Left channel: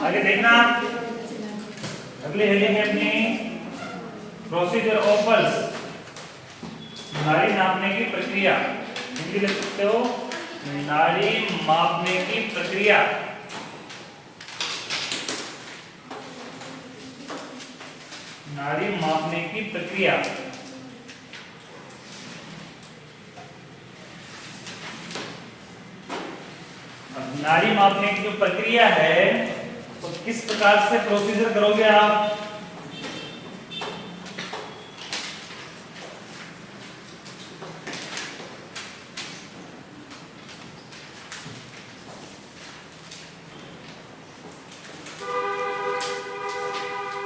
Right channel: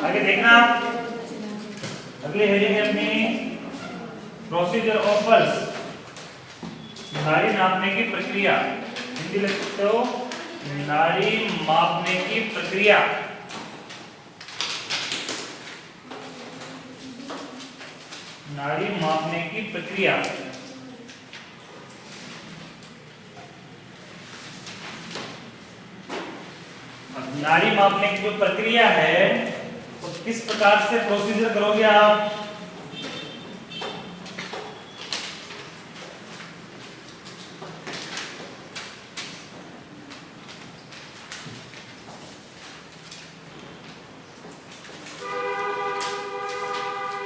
आगे देखना, अगली हेडिंग है अपनी प्रोसीजर ऑफ पल्स, नाड़ी नापने की प्रक्रिया। हिंदी लिख सकते हो नाड़ी मापने की प्रक्रिया। नाड़ी मापने की प्रक्रिया। अब नाड़ी मापने की जो प्रक्रिया है तो किस प्रकार से प्रोसीजर करोगे आप?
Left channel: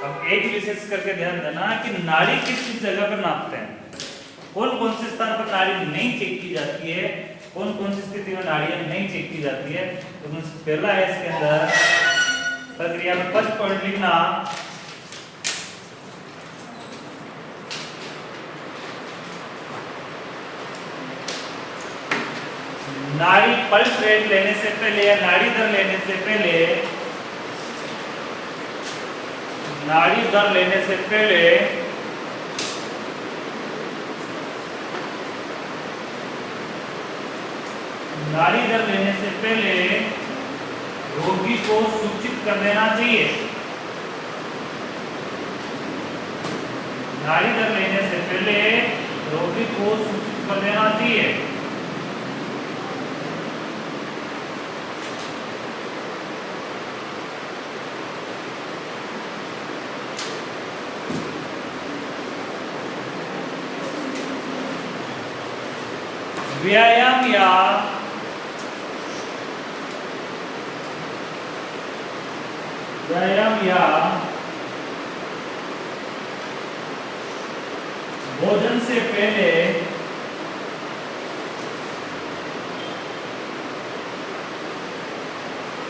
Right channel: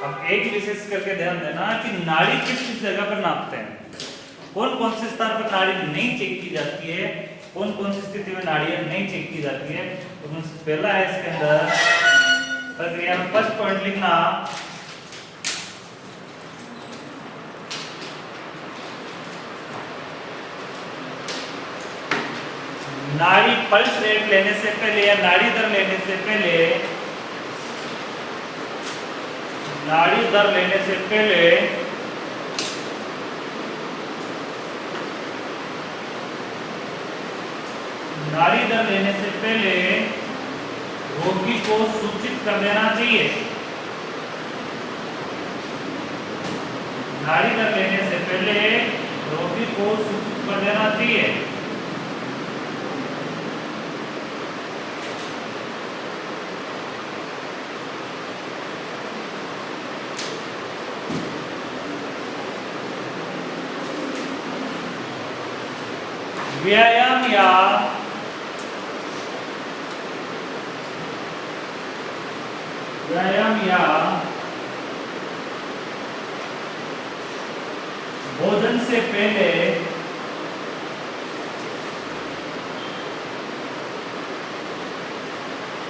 अब एक विशेष करके ध्यान देना कि नाड़ी किस किस जगह पर नापते हैं, कौन कौन से स्थान पर नाड़ी नहीं चेक की जाती है, कौन कौन सी स्थिति में नाड़ियां नहीं चेक की जाती है। तो पहला है इसके अंदर प्रक्रिया में फर्स्ट पॉइंट लिखना, नाड़ी पल्स रेट लेने से पहले या नाड़ी दर लेने से पहले, नाड़ी दर लेने से पहले नाड़ी दर लेने से पहले रोगी को सूचित कर देना चाहिए। नाड़ी दर लेने से पहले रोगी को सूचित कर देना चाहिए। व्यायाम या भोजन से पहले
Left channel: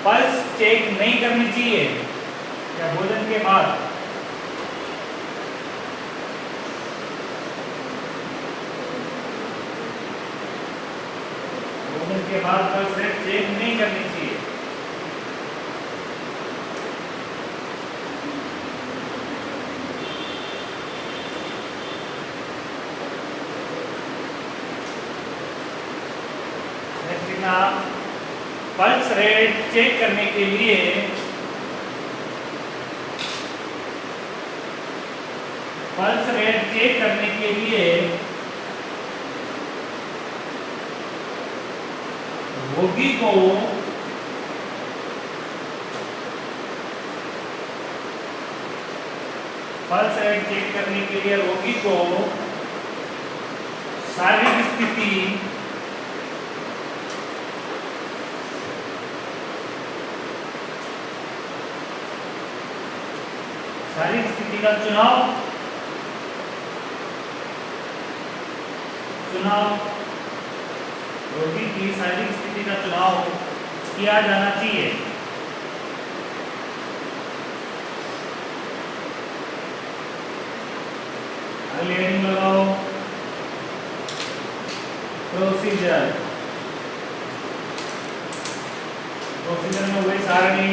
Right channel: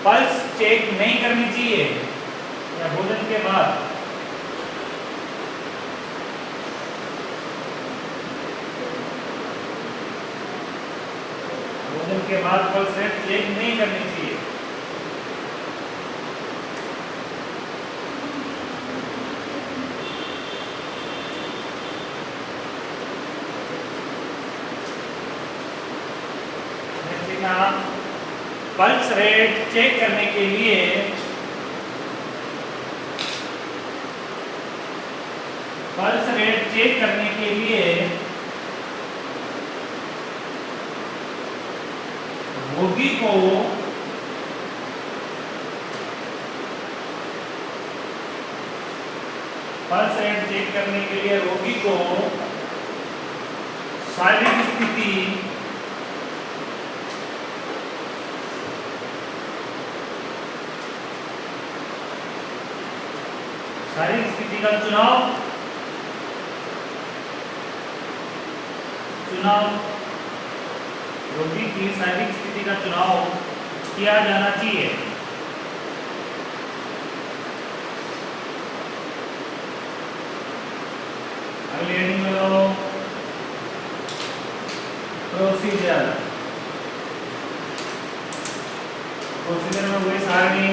पल्स चेक नहीं करनी चाहिए या भोजन के बाद। भोजन के बाद पल्स रेट चेक नहीं करनी चाहिए। पल्स रेट चेक करने के लिए रोगी को शारीरिक स्थिति का चुनाव रोगी की शारीरिक स्थिति का चुनाव किया जाना चाहिए। अगली हेडिंग लगाओ प्रोसीजर। प्रोसीजर में वही सारणी,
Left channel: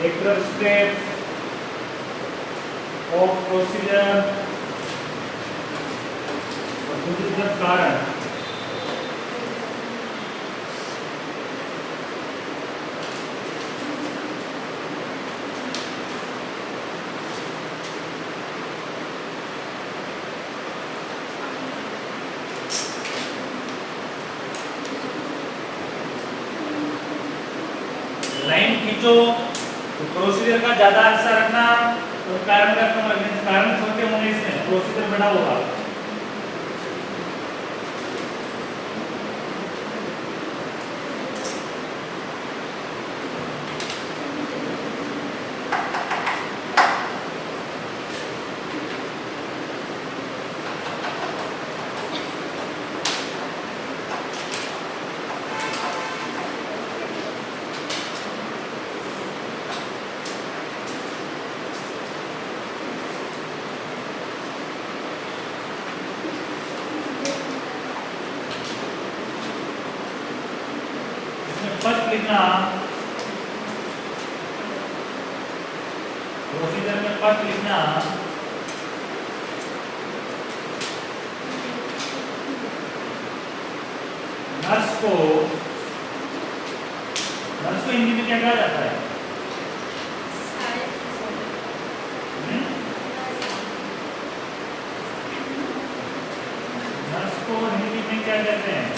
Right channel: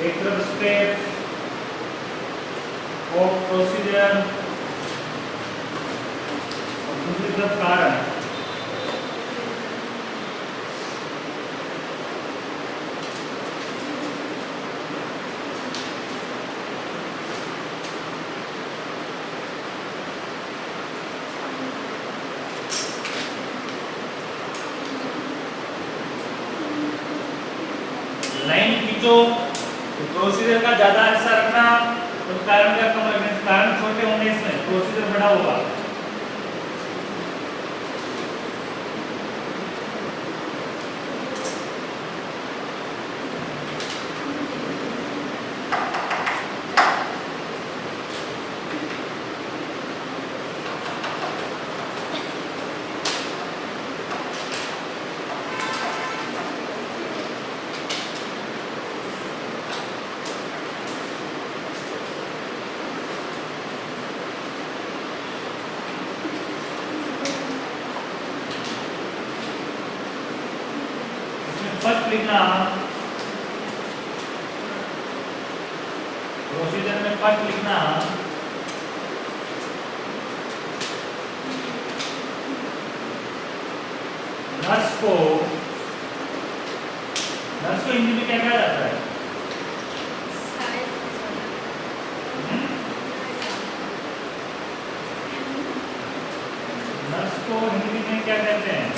एक तरफ स्टेप ऑफ प्रोसीजर और दूसरी तरफ कारण। लाइन खींचो तो प्रोसीजर का ज्यादा हिस्सा रखना और कारण का कम रखना। कारण छोटे होंगे इसमें प्रोसीजर बड़ा होगा। लिखना, प्रोसीजर में फर्स्ट लिखना नर्स को हिंदी में क्या कहा जाता है? नर्स को हिंदी में क्या कहते हैं?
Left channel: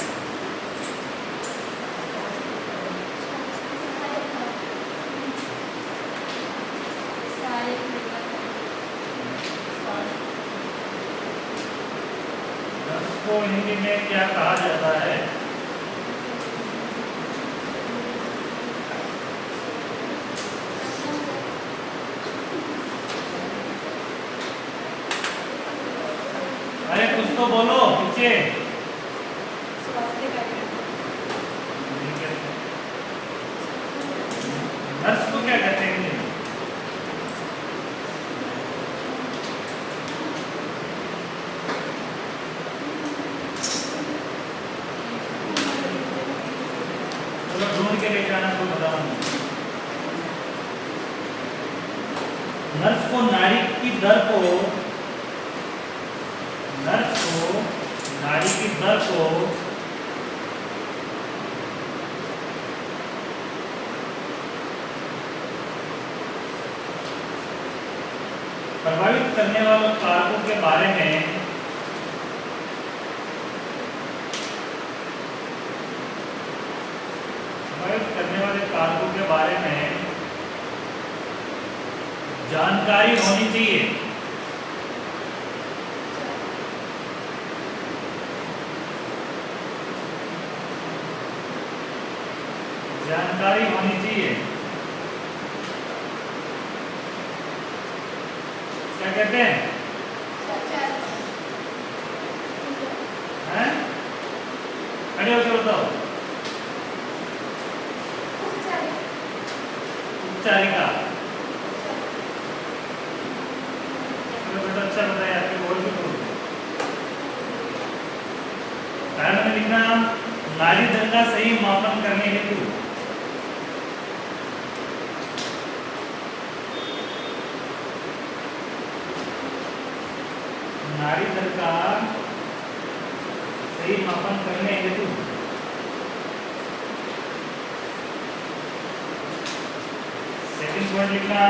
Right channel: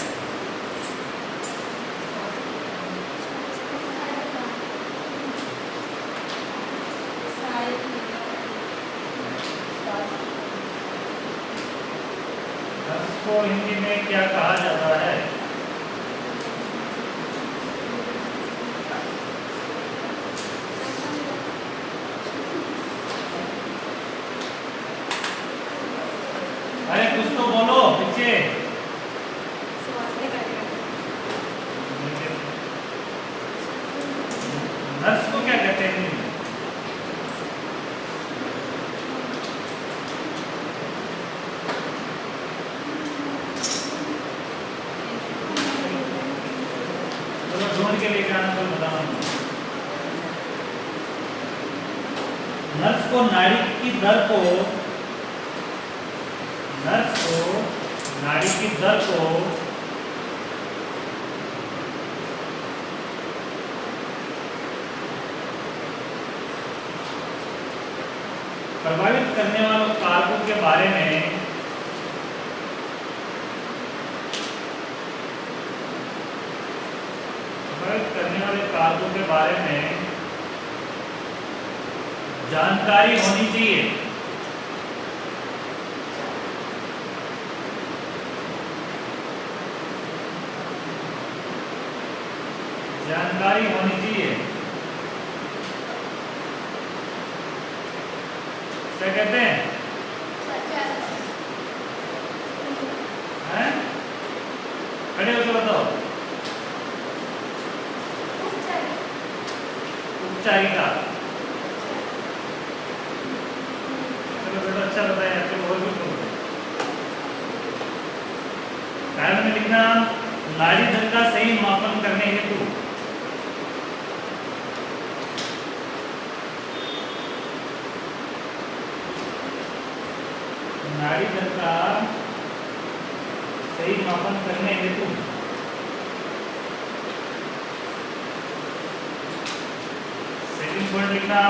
नर्स को हिंदी में क्या कहा जाता है? अरे कुछ तो बोलो पीछे। नर्स को क्या कहते हैं? चलो ढूंढ के लेके आना, तो बता रहा हूं। नर्स को नाड़ी की दर को प्रभावित करने वाले कारकों के बारे में जानकारी होनी चाहिए। जानकारी होनी चाहिए। क्या कहते हैं? खड़े होकर बताओ। उपचारिका। अच्छा बताया आपके और भी कारण में लिखना नाड़ी दर का सही मापन करने हेतु नाड़ी दर का सही मापन करने हेतु सेकंड पॉइंट लिखना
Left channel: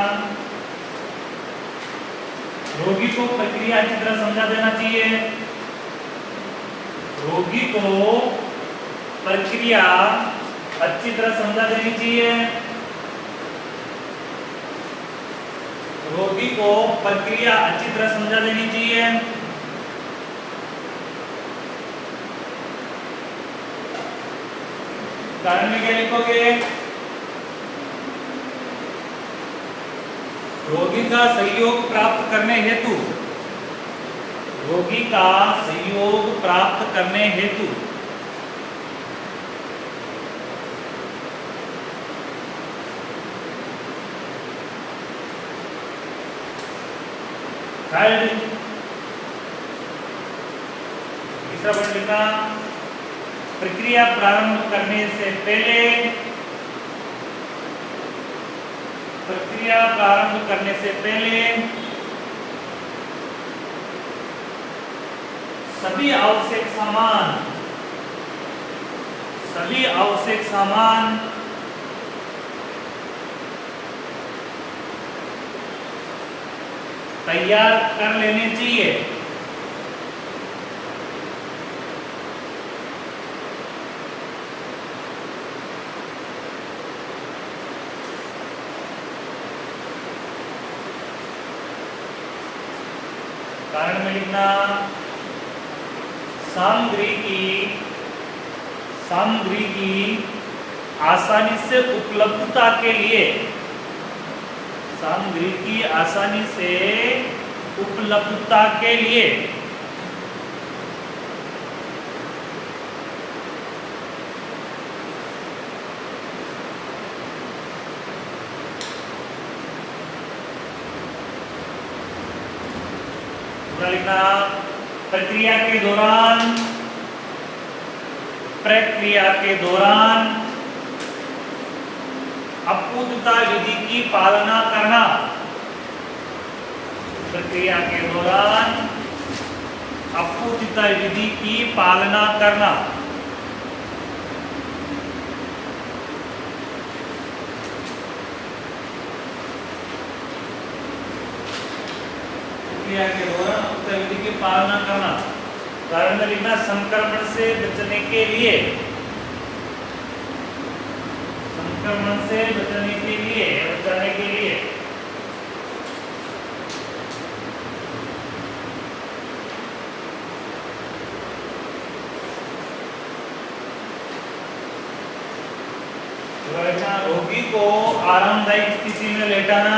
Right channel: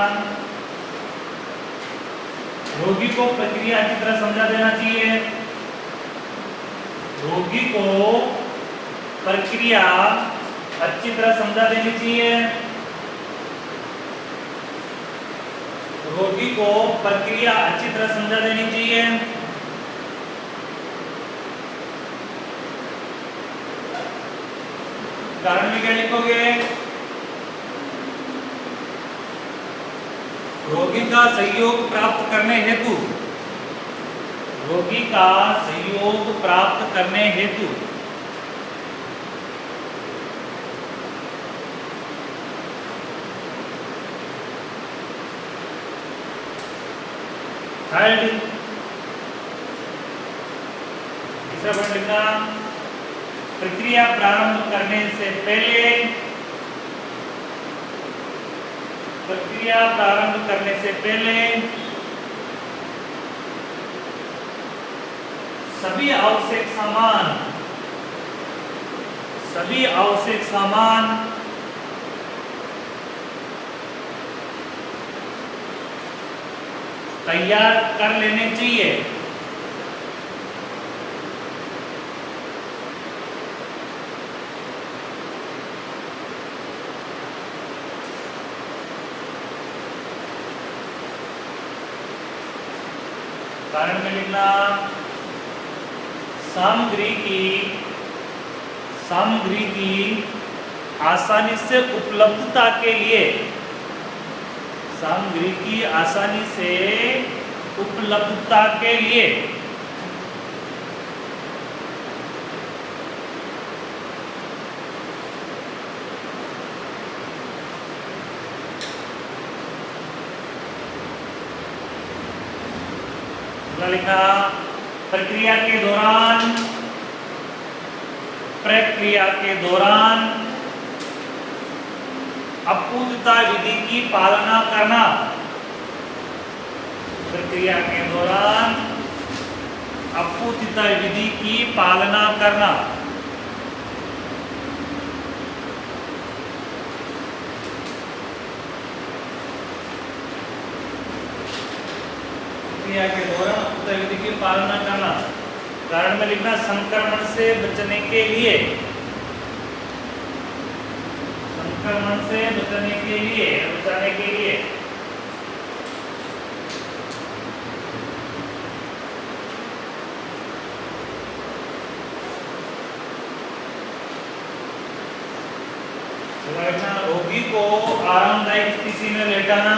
रोगी को प्रक्रिया अच्छी तरह समझा देना चाहिए। रोगी को प्रक्रिया अच्छी तरह समझा देनी चाहिए। रोगी को प्रक्रिया अच्छी तरह समझा देनी चाहिए। कारण में क्या लिखोगे? रोगी का सहयोग प्राप्त करने हेतु तीसरा पॉइंट लिखा प्रक्रिया प्रारंभ करने से पहले सभी आवश्यक सामान तैयार कर लेने चाहिए। कारण में लिखना सामग्री की आसानी से उपलब्धता के लिए लिखना प्रक्रिया के दौरान अपूर्णता विधि की पालना करना, प्रक्रिया के दौरान अपूर्णता विधि की पालना करना। प्रक्रिया के दौरान अपूर्णता विधि की पालना करना। कारण में लिखना संक्रमण से बचने के लिए, संक्रमण से बचने के लिए, बचाने के लिए रोगी को आरामदायक स्थिति में लेटाना,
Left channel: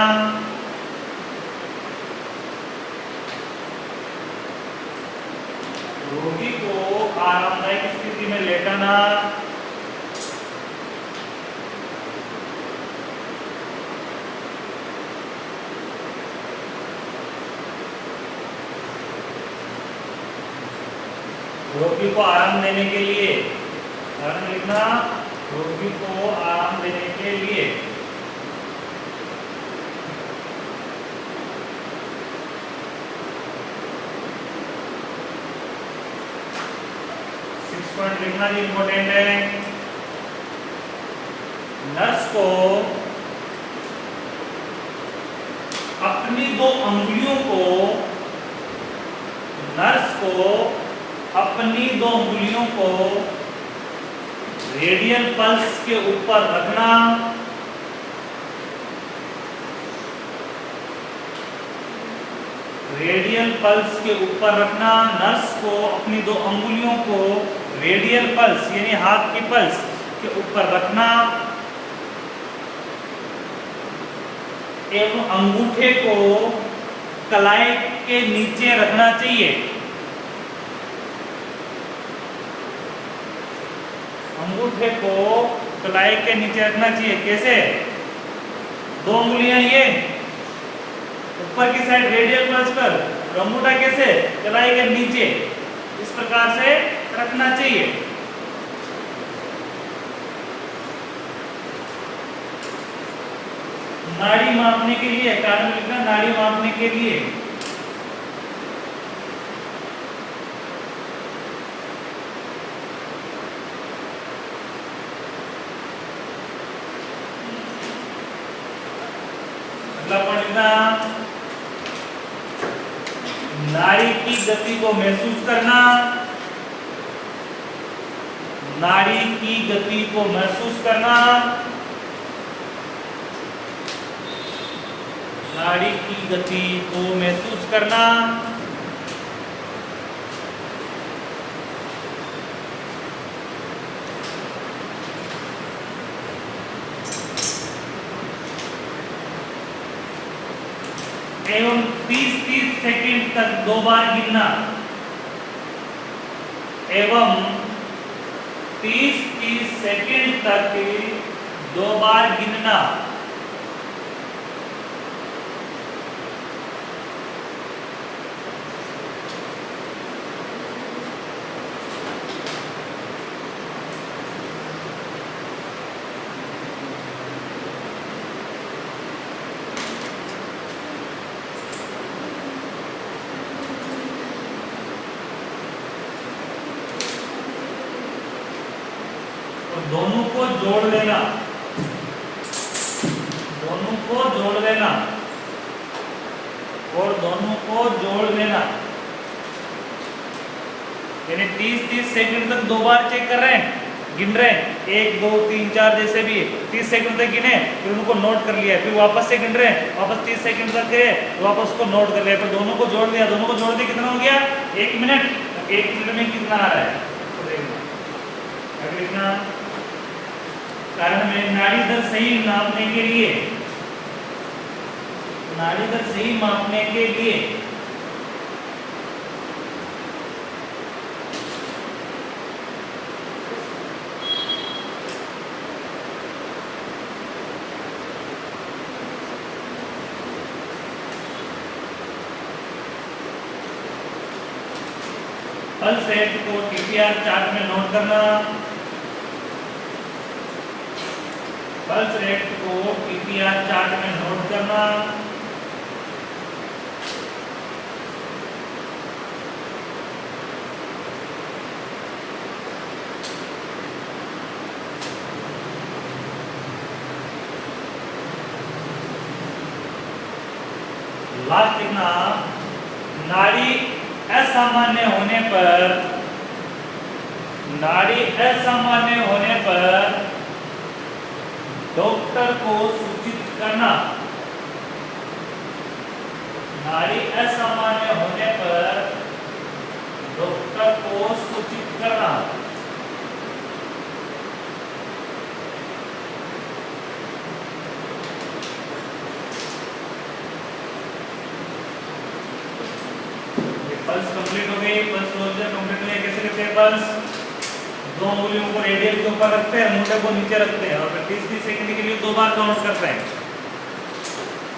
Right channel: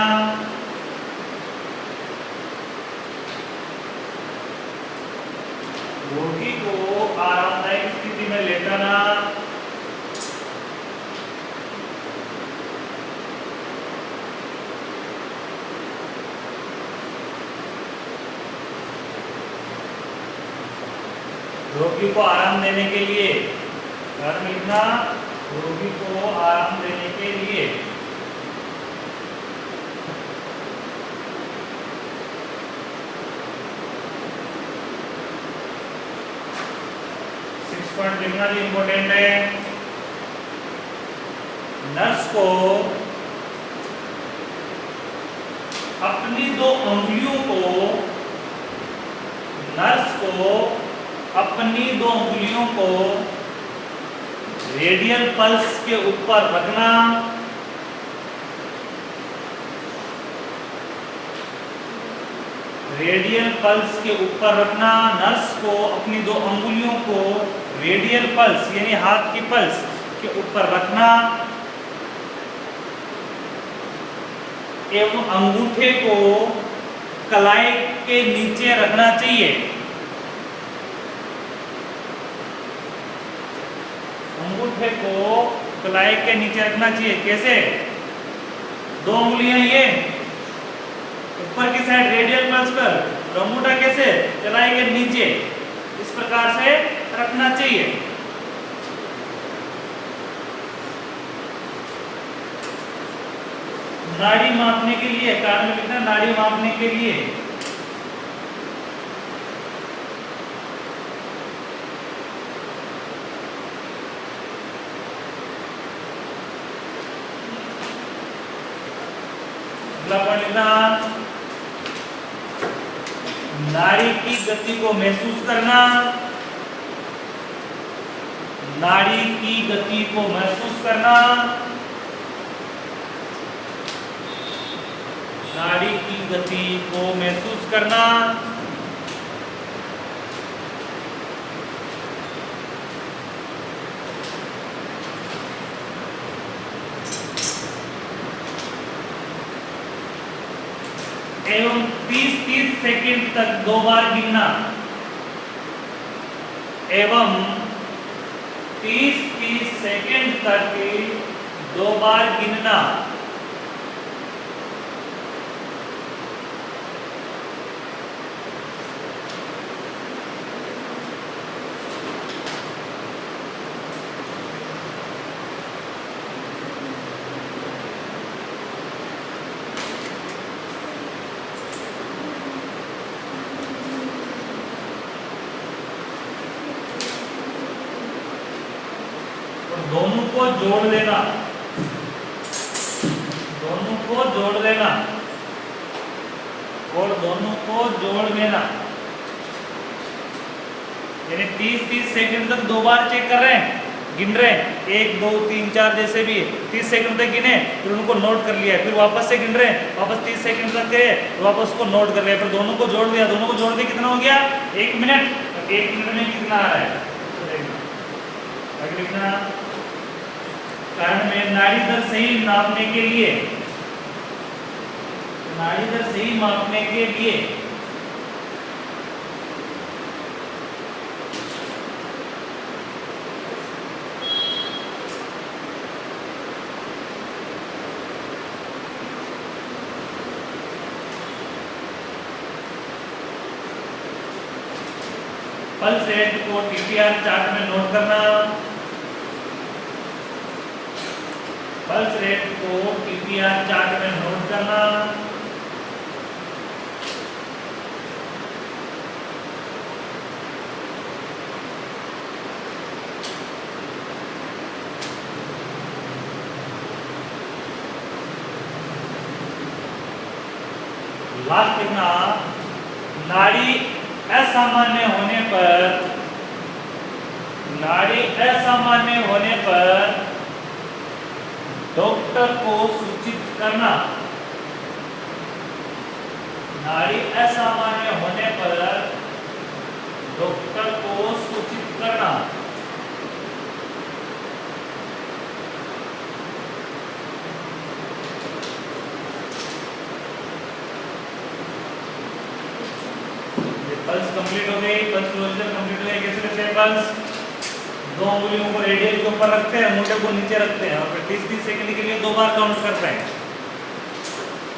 रोगी को आरामदायक स्थिति में लेटाना, रोगी को आराम देने के लिए, कारण लिखना रोगी को आराम देने के लिए, पॉइंट लिखना भी इंपॉर्टेंट है। नर्स को अपनी दो अंगुलियों को, नर्स को अपनी दो अंगुलियों को रेडियल पल्स के ऊपर रखना, रेडियल पल्स के ऊपर रखना। नर्स को अपनी दो अंगुलियों को रेडियल पल्स यानी हाथ की पल्स के ऊपर रखना एवं अंगूठे को कलाई के नीचे रखना चाहिए। अंगूठे को कलाई के नीचे रखना चाहिए। कैसे? दो उंगलियां ये ऊपर की साइड रेडियल पल्स पर और अंगूठा कैसे? कलाई के नीचे, इस प्रकार से रखना चाहिए। नाड़ी मापने के लिए, कारण लिखना नाड़ी मापने के लिए नाड़ी की गति को महसूस करना, नाड़ी की गति को महसूस करना, नाड़ी की गति को महसूस करना, एवं 30-30 सेकंड तक 2 बार गिनना, एवं 30-30 सेकंड तक 2 बार गिनना। दोनों को जोड़ लेना, दोनों को जोड़ लेना और दोनों को जोड़ लेना, यानी 30-30 सेकंड तक 2 बार चेक कर रहे हैं, गिन रहे हैं, 1 2 3 4 जैसे भी 30 सेकंड तक गिने, फिर उनको नोट कर लिया, फिर वापस से गिन रहे हैं, वापस 30 सेकंड तक गए, वापस उसको नोट कर लिया, फिर दोनों को जोड़ दिया, दोनों को जोड़ के कितना हो गया? 1 मिनट। 1 मिनट में कितना आ रहा है तो देखना। अगली लिखना कारण में नाड़ी दर सही नापने के लिए, नाड़ी दर सही मापने के लिए पल्स रेट को TTR चार्ट में नोट करना, पल्स रेट को पीपीआर चार्ट में नोट करना। लास्ट लिखना, नाड़ी असामान्य होने पर, नाड़ी असामान्य होने पर डॉक्टर को सूचित करना। नाड़ी असामान्य होने पर डॉक्टर को सूचित करना। पल्स कंप्लीट हो गई, पल्स प्रोसीजर कंप्लीट हो गई। कैसे करते हैं पल्स? दो उंगलियों को रेडियल के ऊपर रखते हैं, मुंडे को नीचे रखते हैं और फिर 30-30 सेकंड के लिए 2 बार काउंट करते हैं।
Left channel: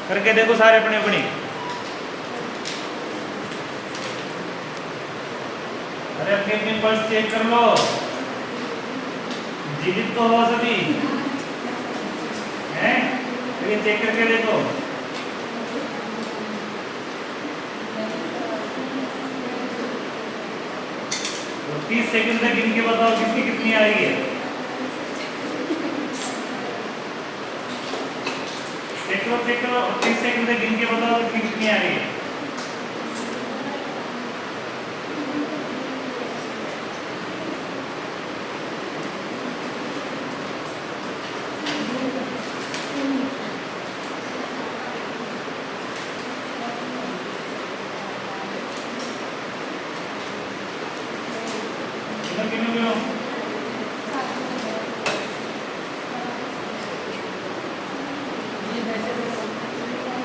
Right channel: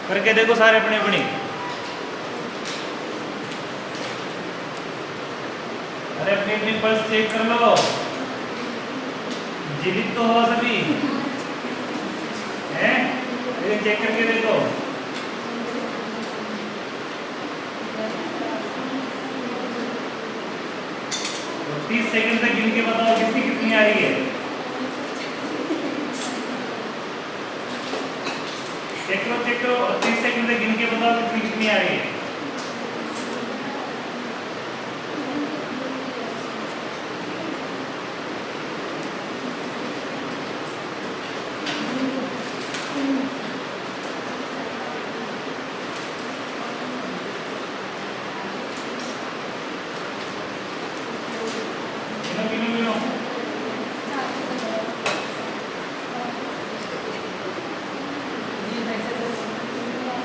करके देखो सारे अपनी अपनी। अरे अपनी अपनी पल्स चेक कर लो, जीवित तो हो सभी हैं? लेकिन चेक करके देखो। 30 सेकंड तक गिन के बताओ किसकी कितनी आ रही है। चेक करो और 30 सेकंड तक गिन के बताओ कितनी कितनी आ रही है।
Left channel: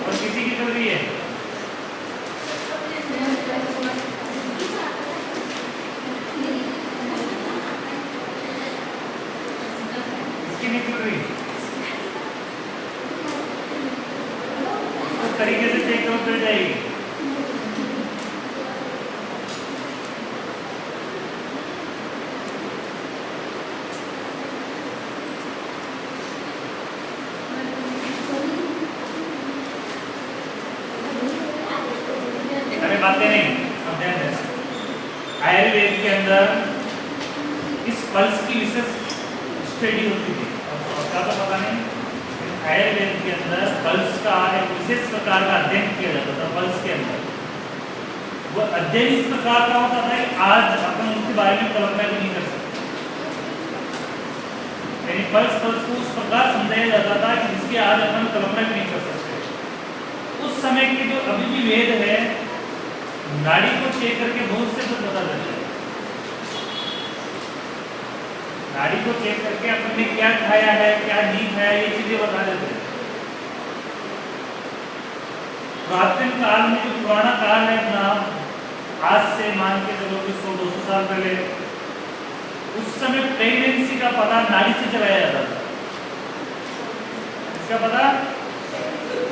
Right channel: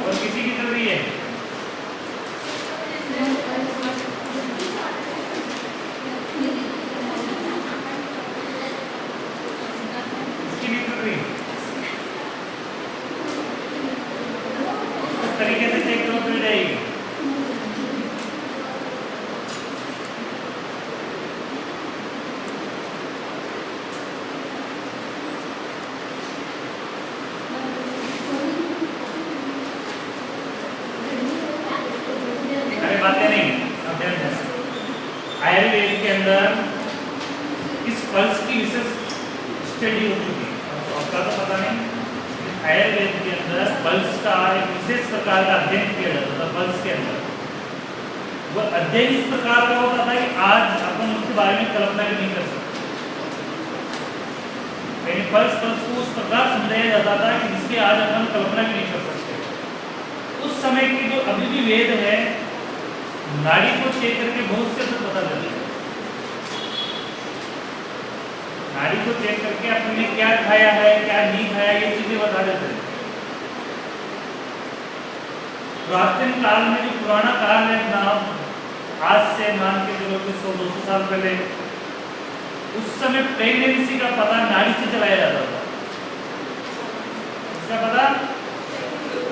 और किसी की चल रही है? इसकी नहीं चल रही। उस तरीके से चेक करो चल जाएगी। बातें नहीं, आयुर्वेद के अंदर इस पल्स की विशेष स्टडी होती थी। आपका तो पता नहीं, आयुर्वेद के अंदर पल्स का एक विशेष प्रकार का अध्ययन किया जाता था। पल्स के अंदर वो अध्ययन इस प्रकार का होता था कि आज अपन उसके बारे में कल्पना भी नहीं कर सकते। यानी पल्स को उस प्रकार समझाया जाता था कि जिसकी आज अपन कल्पना भी नहीं कर सकते। उस समय की जो अभी भी वेद है, नाड़ी को चेक करके बहुत से पता लगता है। नाड़ी को चेक करके अपने ने क्या खाया है, क्या नहीं खाया, ये चीजें बता देते हैं। प्राचीन काल में जो पुराना काल है ना, आज से मान के चलो कि 100-200 साल पहले, उस समय प्रेगनेंसी का पता नाड़ी से चलाया जाता था। इसका पता,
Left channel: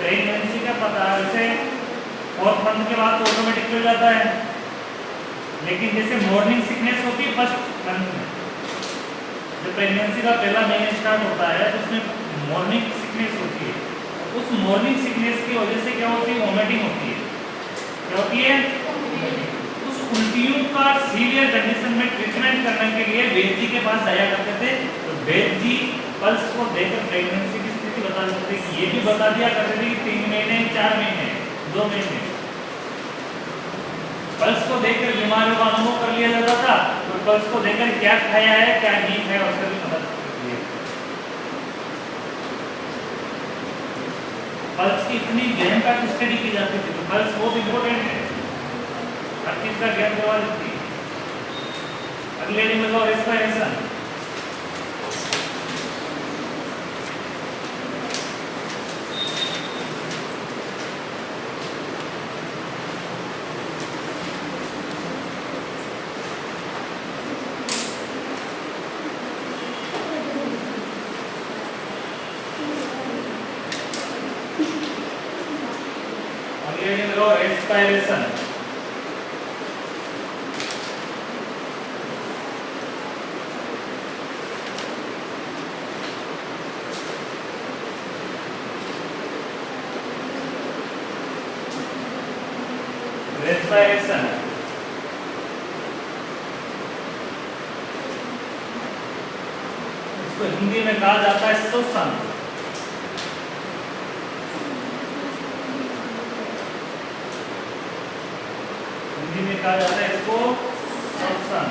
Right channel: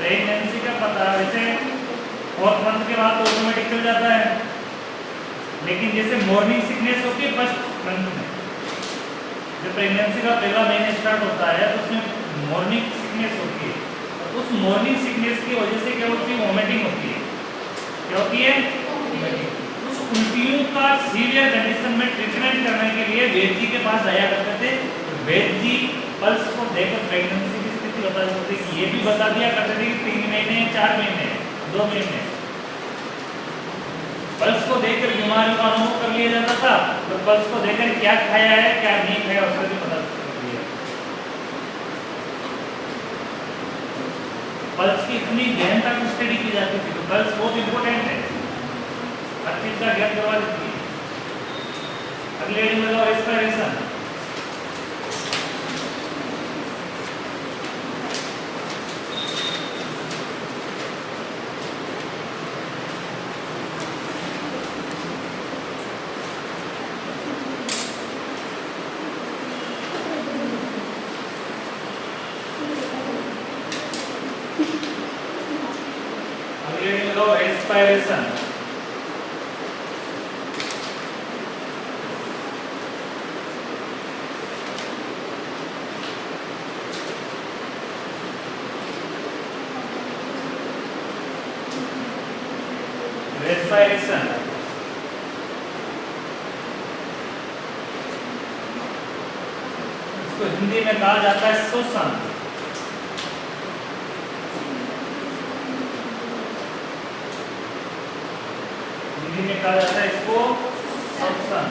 प्रेगनेंसी का पता वैसे 4th मंथ के बाद ऑटोमेटिक चल जाता है, लेकिन जैसे मॉर्निंग सिकनेस होती है फर्स्ट मंथ में, जब प्रेगनेंसी का पहला महीना स्टार्ट होता है तो उसमें मॉर्निंग सिकनेस होती है। उस मॉर्निंग सिकनेस की वजह से क्या होती है? वोमिटिंग होती है। क्या होती है? उस उल्टियों का सीवियर कंडीशन में ट्रीटमेंट करने के लिए वैद्य जी के पास जाया करते थे। तो वैद्य जी पल्स को देखकर प्रेगनेंसी की स्थिति बता सकते थे। ये भी बता दिया करते थे कि 3 महीने, 4 महीने, 2 महीने। पल्स को देखकर बीमारियों का अनुभव कर लिया जाता था। तो पल्स को देखकर क्या खाया है, क्या नहीं खाया, उसका भी पता चल लिया। पल्स की इतनी गहनता की स्टडी की जाती थी। तो पल्स बहुत इंपॉर्टेंट है, हर चीज का ज्ञान करवा देती है। अगले हेडिंग लगाओ रेस्पिरेशन। Respiration. रेस्पिरेशन, इसको हिंदी में कहा जाता है श्वसन। हिंदी में कहा जाता है इसको श्वसन।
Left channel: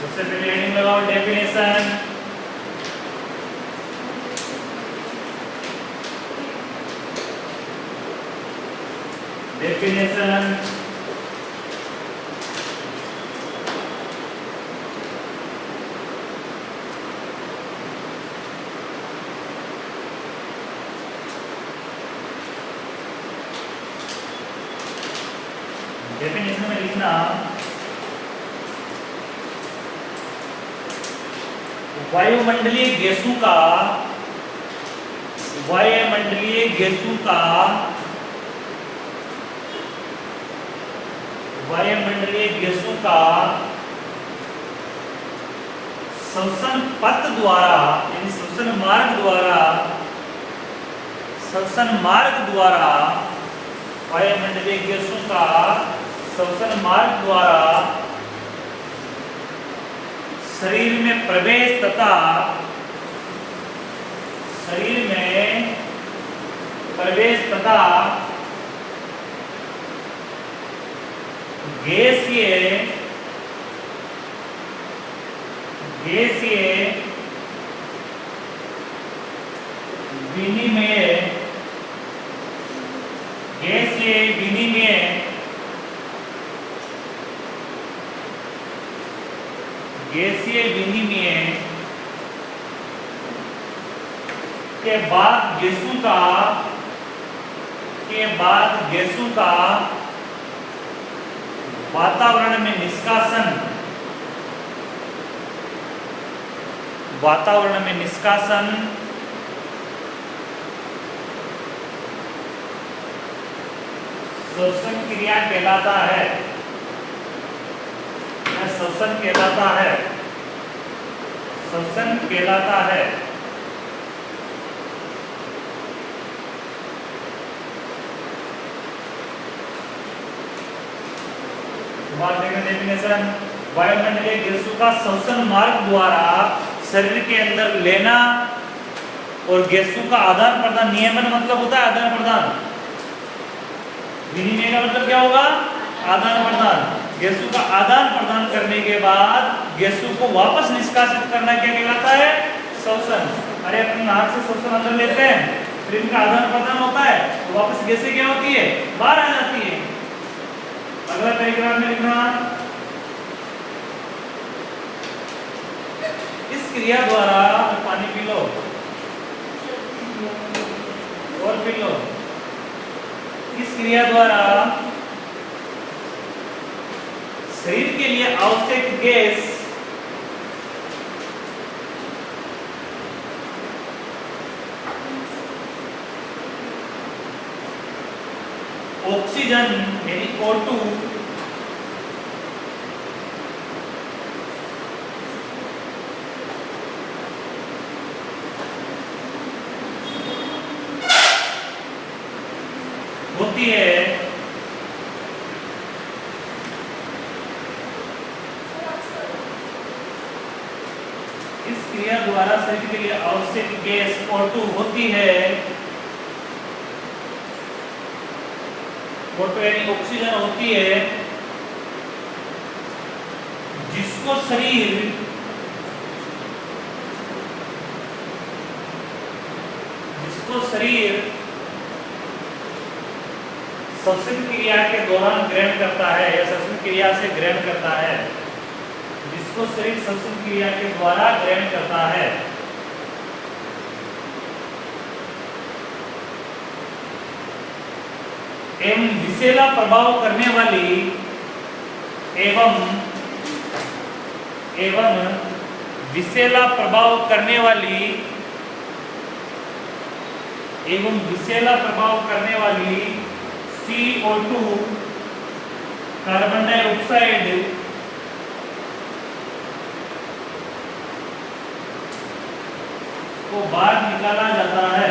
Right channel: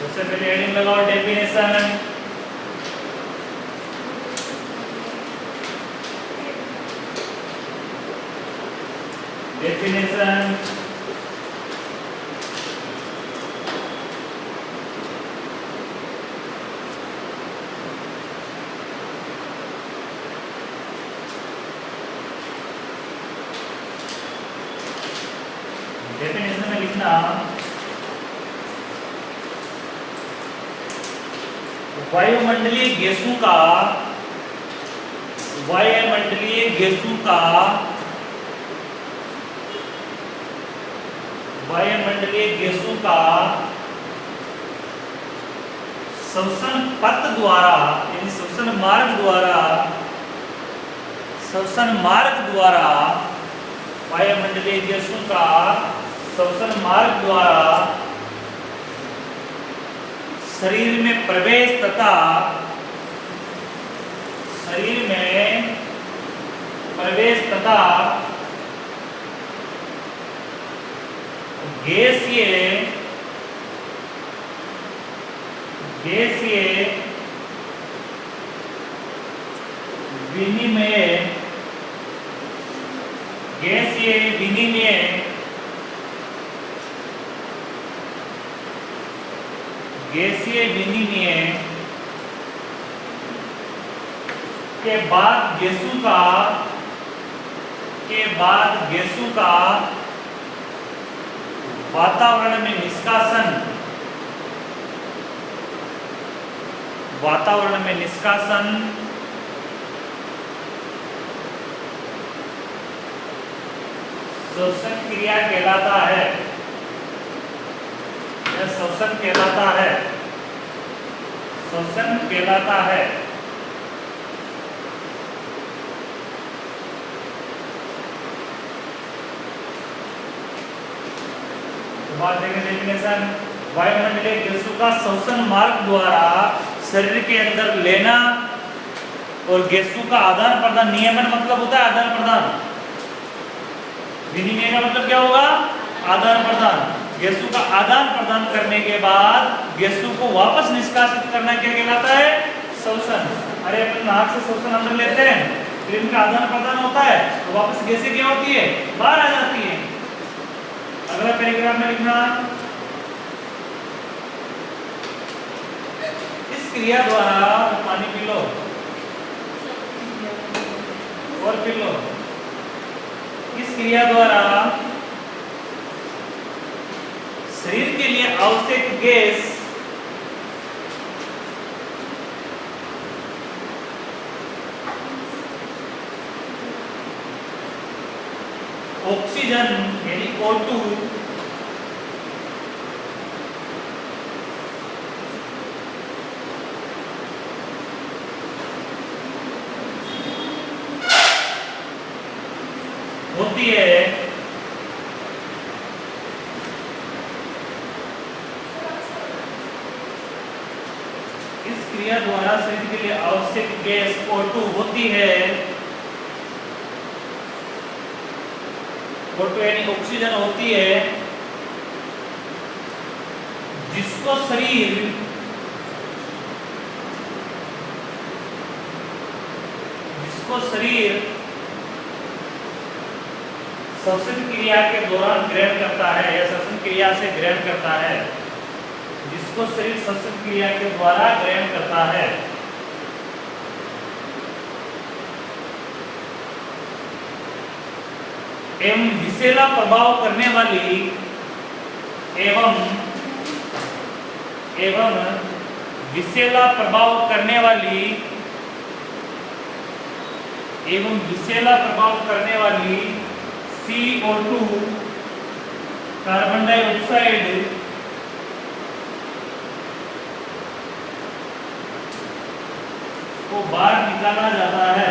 सबसे पहले हेडिंग लगाओ डेफिनेशन। डेफिनेशन डेफिनेशन में लिखना वायुमंडलीय गैसों का वायुमंडलीय गैसों का श्वसन पथ द्वारा यानी श्वसन मार्ग द्वारा वायुमंडलीय गैसों का श्वसन मार्ग द्वारा शरीर में प्रवेश तथा गैसीय विनिमय के बाद गैसों का वातावरण में निष्कासन श्वसन क्रिया कहलाता है। श्वसन कहलाता है। डेफिनेशन वायुमंडलीय गैसों का श्वसन मार्ग द्वारा शरीर के अंदर लेना और गैसों का आदान प्रदान। नियमन मतलब होता है आदान प्रदान, विनिमय का मतलब क्या होगा? आदान प्रदान। गैसों का आदान प्रदान करने के बाद गैसों को वापस निष्कासित करना क्या कहलाता है? श्वसन। अरे अपन नाक से श्वसन अंदर लेते हैं, फिर इनका आदान प्रदान होता है तो वापस गैसें क्या होती है? बाहर आ जाती है। अगला पैराग्राफ में लिखना इस क्रिया द्वारा पानी पी लो और पी लो। इस क्रिया द्वारा शरीर के लिए आवश्यक गैस ऑक्सीजन यानी O2 होती है। इस क्रिया द्वारा शरीर के लिए आवश्यक गैस O2 होती है। O2 यानी ऑक्सीजन होती है, जिसको शरीर श्वसन क्रिया के दौरान ग्रहण करता है या श्वसन क्रिया से ग्रहण करता है, जिसको शरीर श्वसन क्रिया के द्वारा ग्रहण करता है। एवं विषैला प्रभाव करने CO2 कार्बन डाइऑक्साइड को बाहर निकाला जाता है।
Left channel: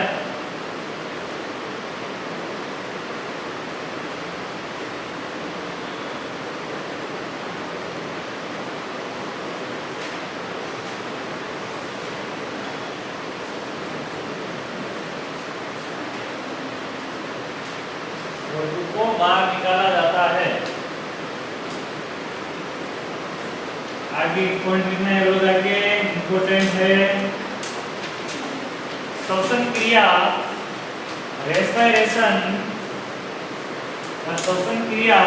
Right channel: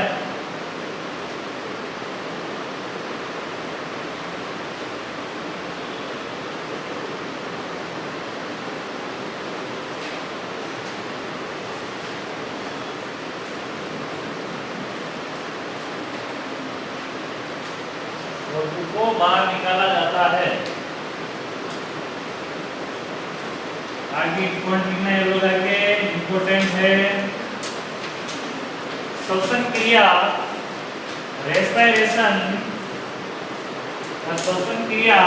को बाहर निकाला जाता है। आगे पॉइंट लिखना है लोग, आगे इंपॉर्टेंट है। श्वसन क्रिया रेस्पिरेशन, श्वसन क्रिया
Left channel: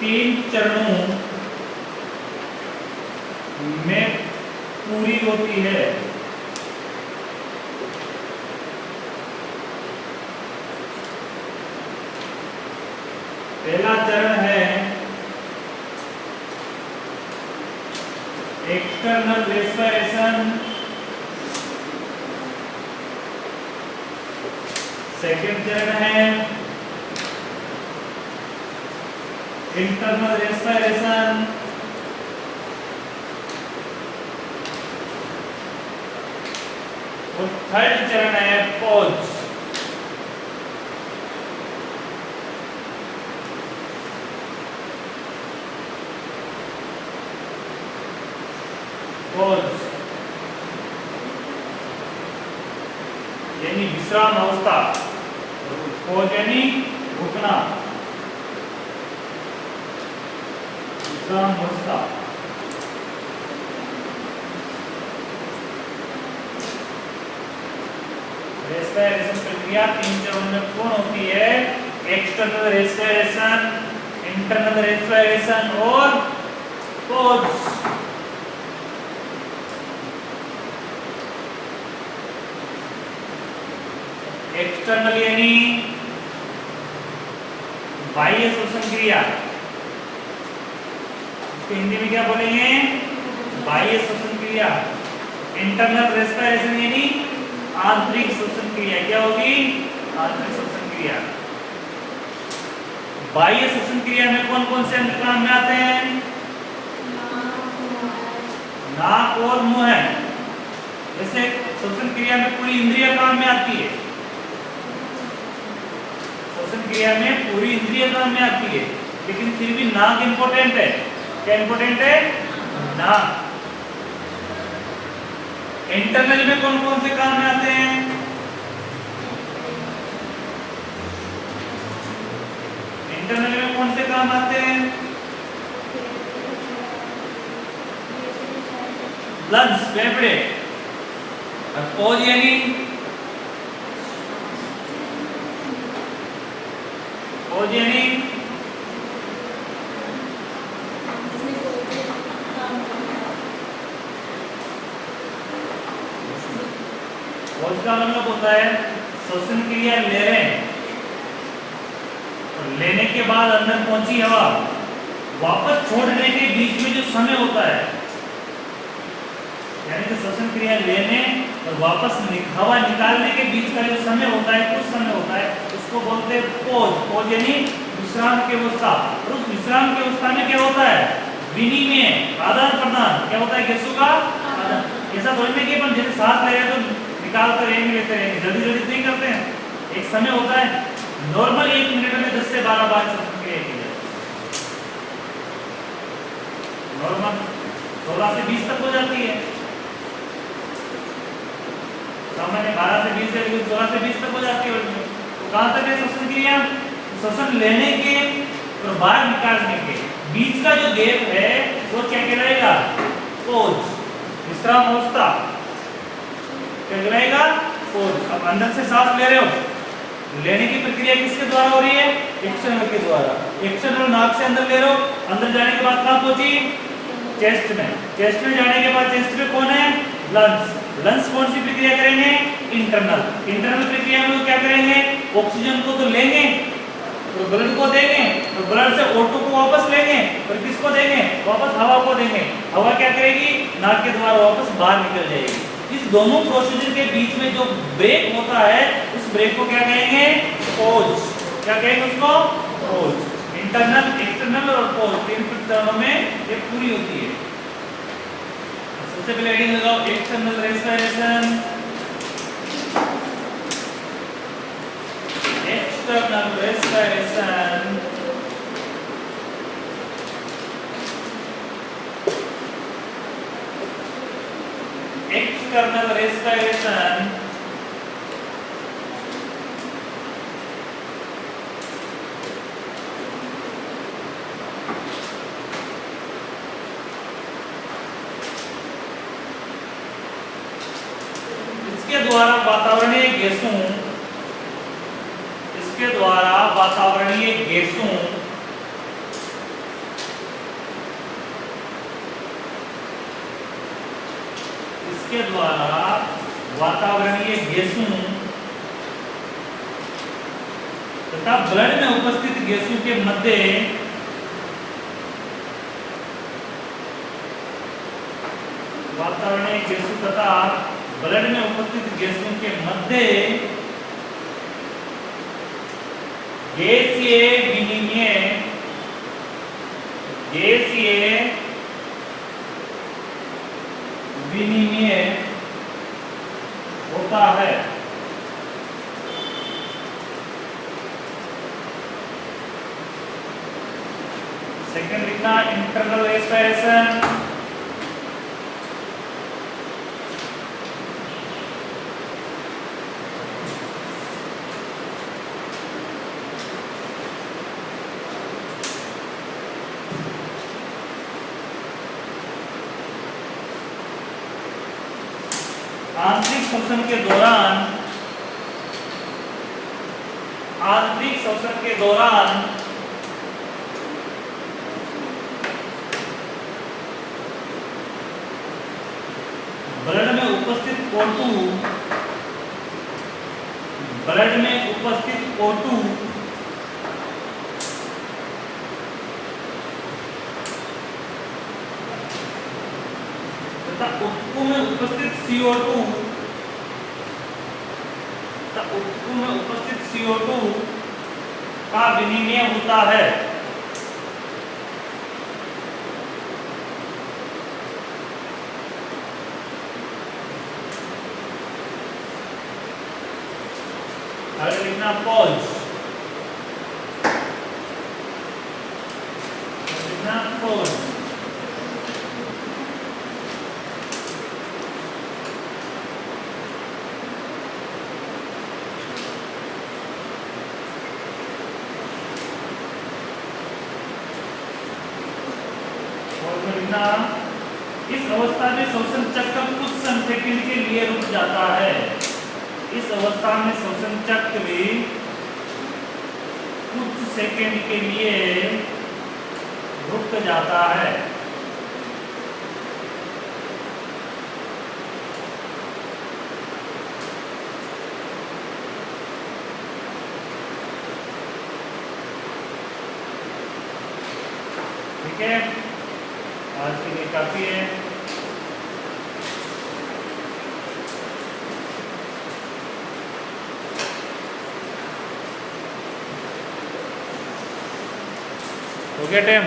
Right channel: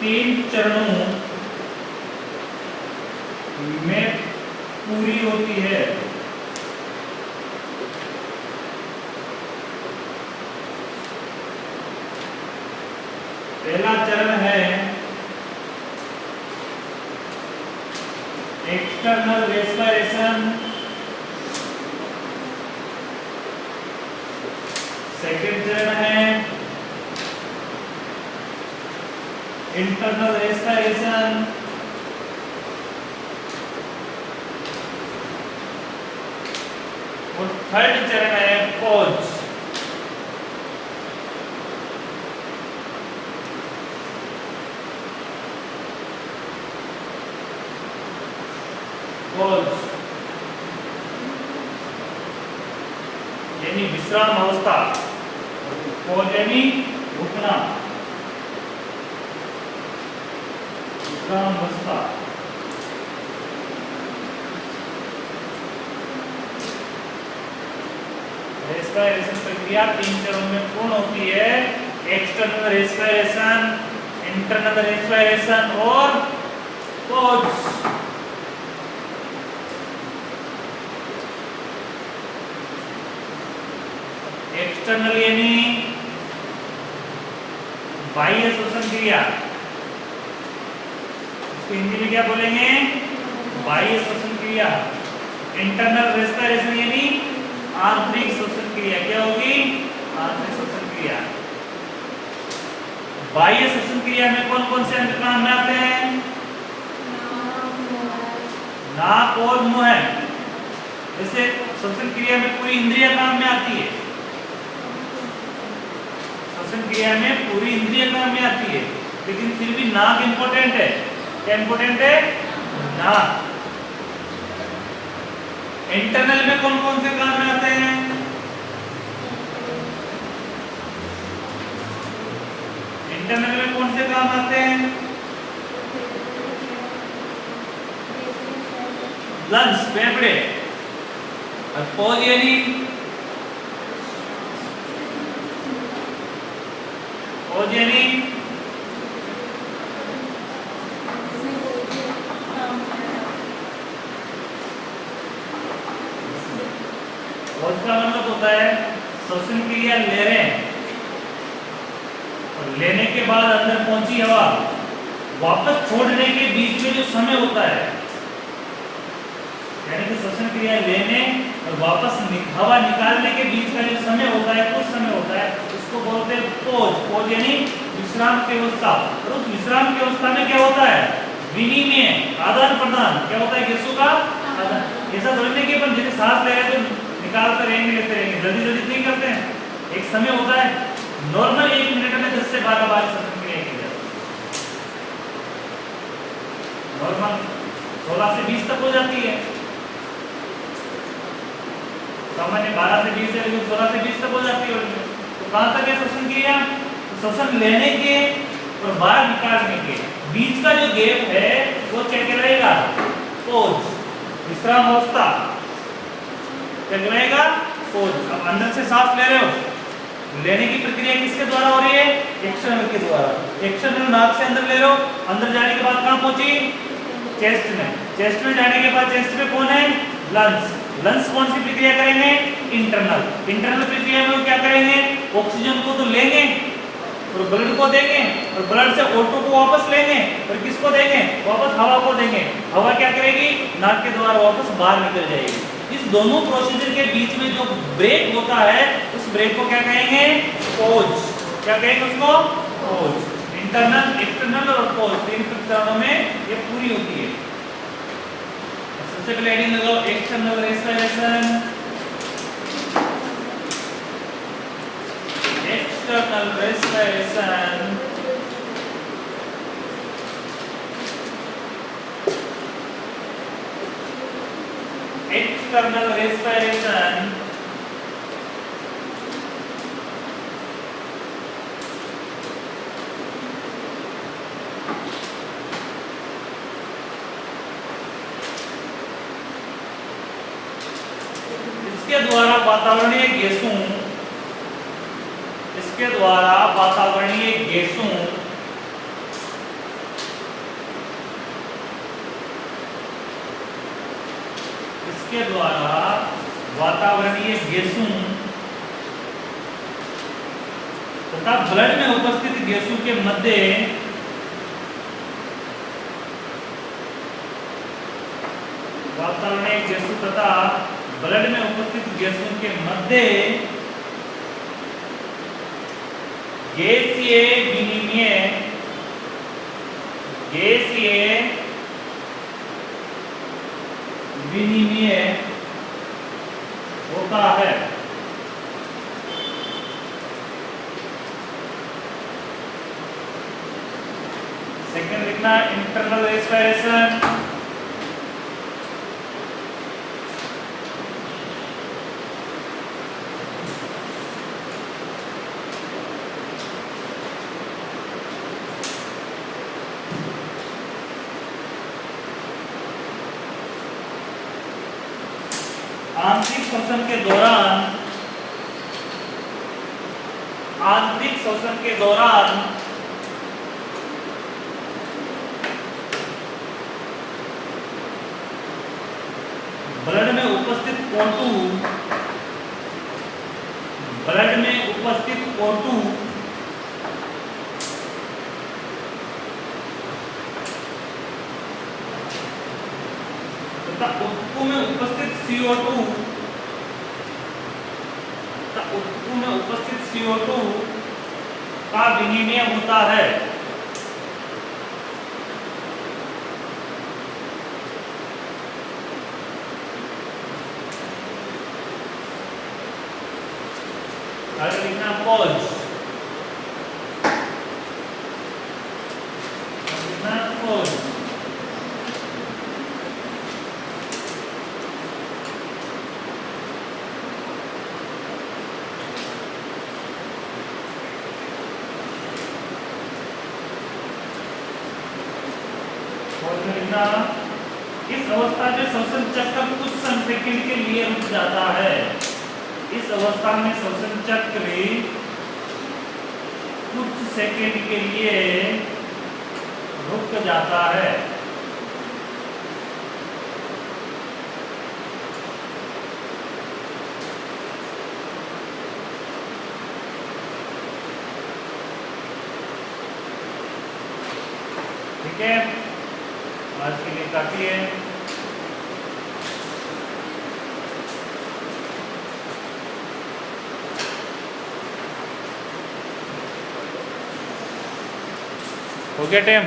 तीन चरणों में पूरी होती है। पहला चरण है एक्सटर्नल रेस्पिरेशन, सेकंड चरण है इंटरनल रेस्पिरेशन, और थर्ड चरण है पॉज। पॉज यानी विश्राम अवस्था, पॉज यानी रुकना, विश्राम अवस्था। रेस्पिरेशन प्रक्रिया तीन चरणों में कौन होती है? एक्सटर्नल रेस्पिरेशन, इंटरनल रेस्पिरेशन और पॉज। एक्सटर्नल यानी बाह्य श्वसन क्रिया, इसको हिंदी में क्या बोलेंगे? बाह्य श्वसन क्रिया। इंटरनल रेस्पिरेशन यानी आंतरिक श्वसन क्रिया। क्या होगी? आंतरिक श्वसन क्रिया। बाह्य श्वसन क्रिया में कौन कौन से अंग काम में आते हैं? नाक और मुंह है। जैसे श्वसन क्रिया में पूरी इंद्रिय काम में आती है, श्वसन क्रिया में पूरी इंद्रिय काम में आती है, लेकिन फिर भी नाक इंपॉर्टेंट है। क्या इंपॉर्टेंट है? नाक। इंटरनल में कौन कौन से काम में आते हैं? इंटरनल में कौन से काम आते हैं? लंग्स, फेफड़े। और पॉज यानी उसका मतलब होता है श्वसन क्रिया ले रहे हैं और लेने के बाद अंदर पहुंची हवा वापस छोड़ने के बीच में जो समय होता है, यानी कि श्वसन क्रिया लेने और वापस हवा निकालने के बीच का जो समय होता है, कुछ समय होता है, उसको बोलते हैं पॉज। पॉज यानी विश्राम की अवस्था। और उस विश्राम की अवस्था में क्या होता है? विनिमय, आदान प्रदान। क्या होता है? गैसों का ऐसा थोड़ी नहीं कि अपन जैसे सांस ले रहे हैं तो निकालते रहेंगे, लेते रहेंगे, जल्दी जल्दी नहीं करते हैं। एक समय होता है, नॉर्मल 1 मिनट में 10 से 12 बार श्वसन क्रिया की जाती है। नॉर्मल 16 से 20 तक हो जाती है, सामान्य 12 से 20 है, 16 से 20 तक हो जाती है। तो कहाँ तक है श्वसन क्रिया? श्वसन लेने के और बाहर निकालने के बीच का जो गैप है वो क्या कहलाएगा? पॉज, विश्राम अवस्था। क्या कहलाएगा? पॉज। अब अंदर से सांस ले रहे हो, लेने की प्रक्रिया किसके द्वारा हो रही है? एक्सटर्नल के द्वारा। एक्सटर्नल नाक से अंदर ले रहे हो, अंदर जाने के बाद कहाँ पहुंची? चेस्ट में। चेस्ट में जाने के बाद चेस्ट में कौन है? लंग्स। लंग्स कौन सी प्रक्रिया करेंगे? इंटरनल। इंटरनल प्रक्रिया में क्या करेंगे? ऑक्सीजन को तो लेंगे और ब्लड को देंगे, और ब्लड से O2 को वापस लेंगे, और किसको देंगे? वापस हवा को देंगे। हवा क्या करेगी? नाक के द्वारा वापस बाहर निकल जाएगी। इस दोनों प्रोसीजर के बीच में जो ब्रेक होता है उस ब्रेक को क्या कहेंगे? पॉज। क्या कहेंगे उसको? पॉज। इंटरनल, एक्सटर्नल और पॉज, तीन चरणों में ये पूरी होती है। सबसे पहले हेडिंग लगाओ external respiration. External respiration external respiration इसके द्वारा वातावरणीय गैसों इसके द्वारा वातावरणीय गैसों इसके द्वारा वातावरणीय गैसों तथा ब्लड में उपस्थित गैसों के मध्य वातावरणीय गैसों तथा ब्लड में उपस्थित गैसों के मध्य गैसीय विनिमय होता है। सेकंड लिखना इंटरनल रेस्पिरेशन। आंतरिक श्वसन के दौरान ब्लड में उपस्थित O2 तथा ऊतकों में उपस्थित CO2 का विनिमय होता है। आगे लिखना पॉज। इस अवस्था में श्वसन चक्र कुछ सेकंड के लिए रुक जाता है। इस अवस्था में श्वसन चक्र कुछ सेकंड के लिए रुक जाता है। ठीक है, आज के लिए काफी है। हो गया टाइम।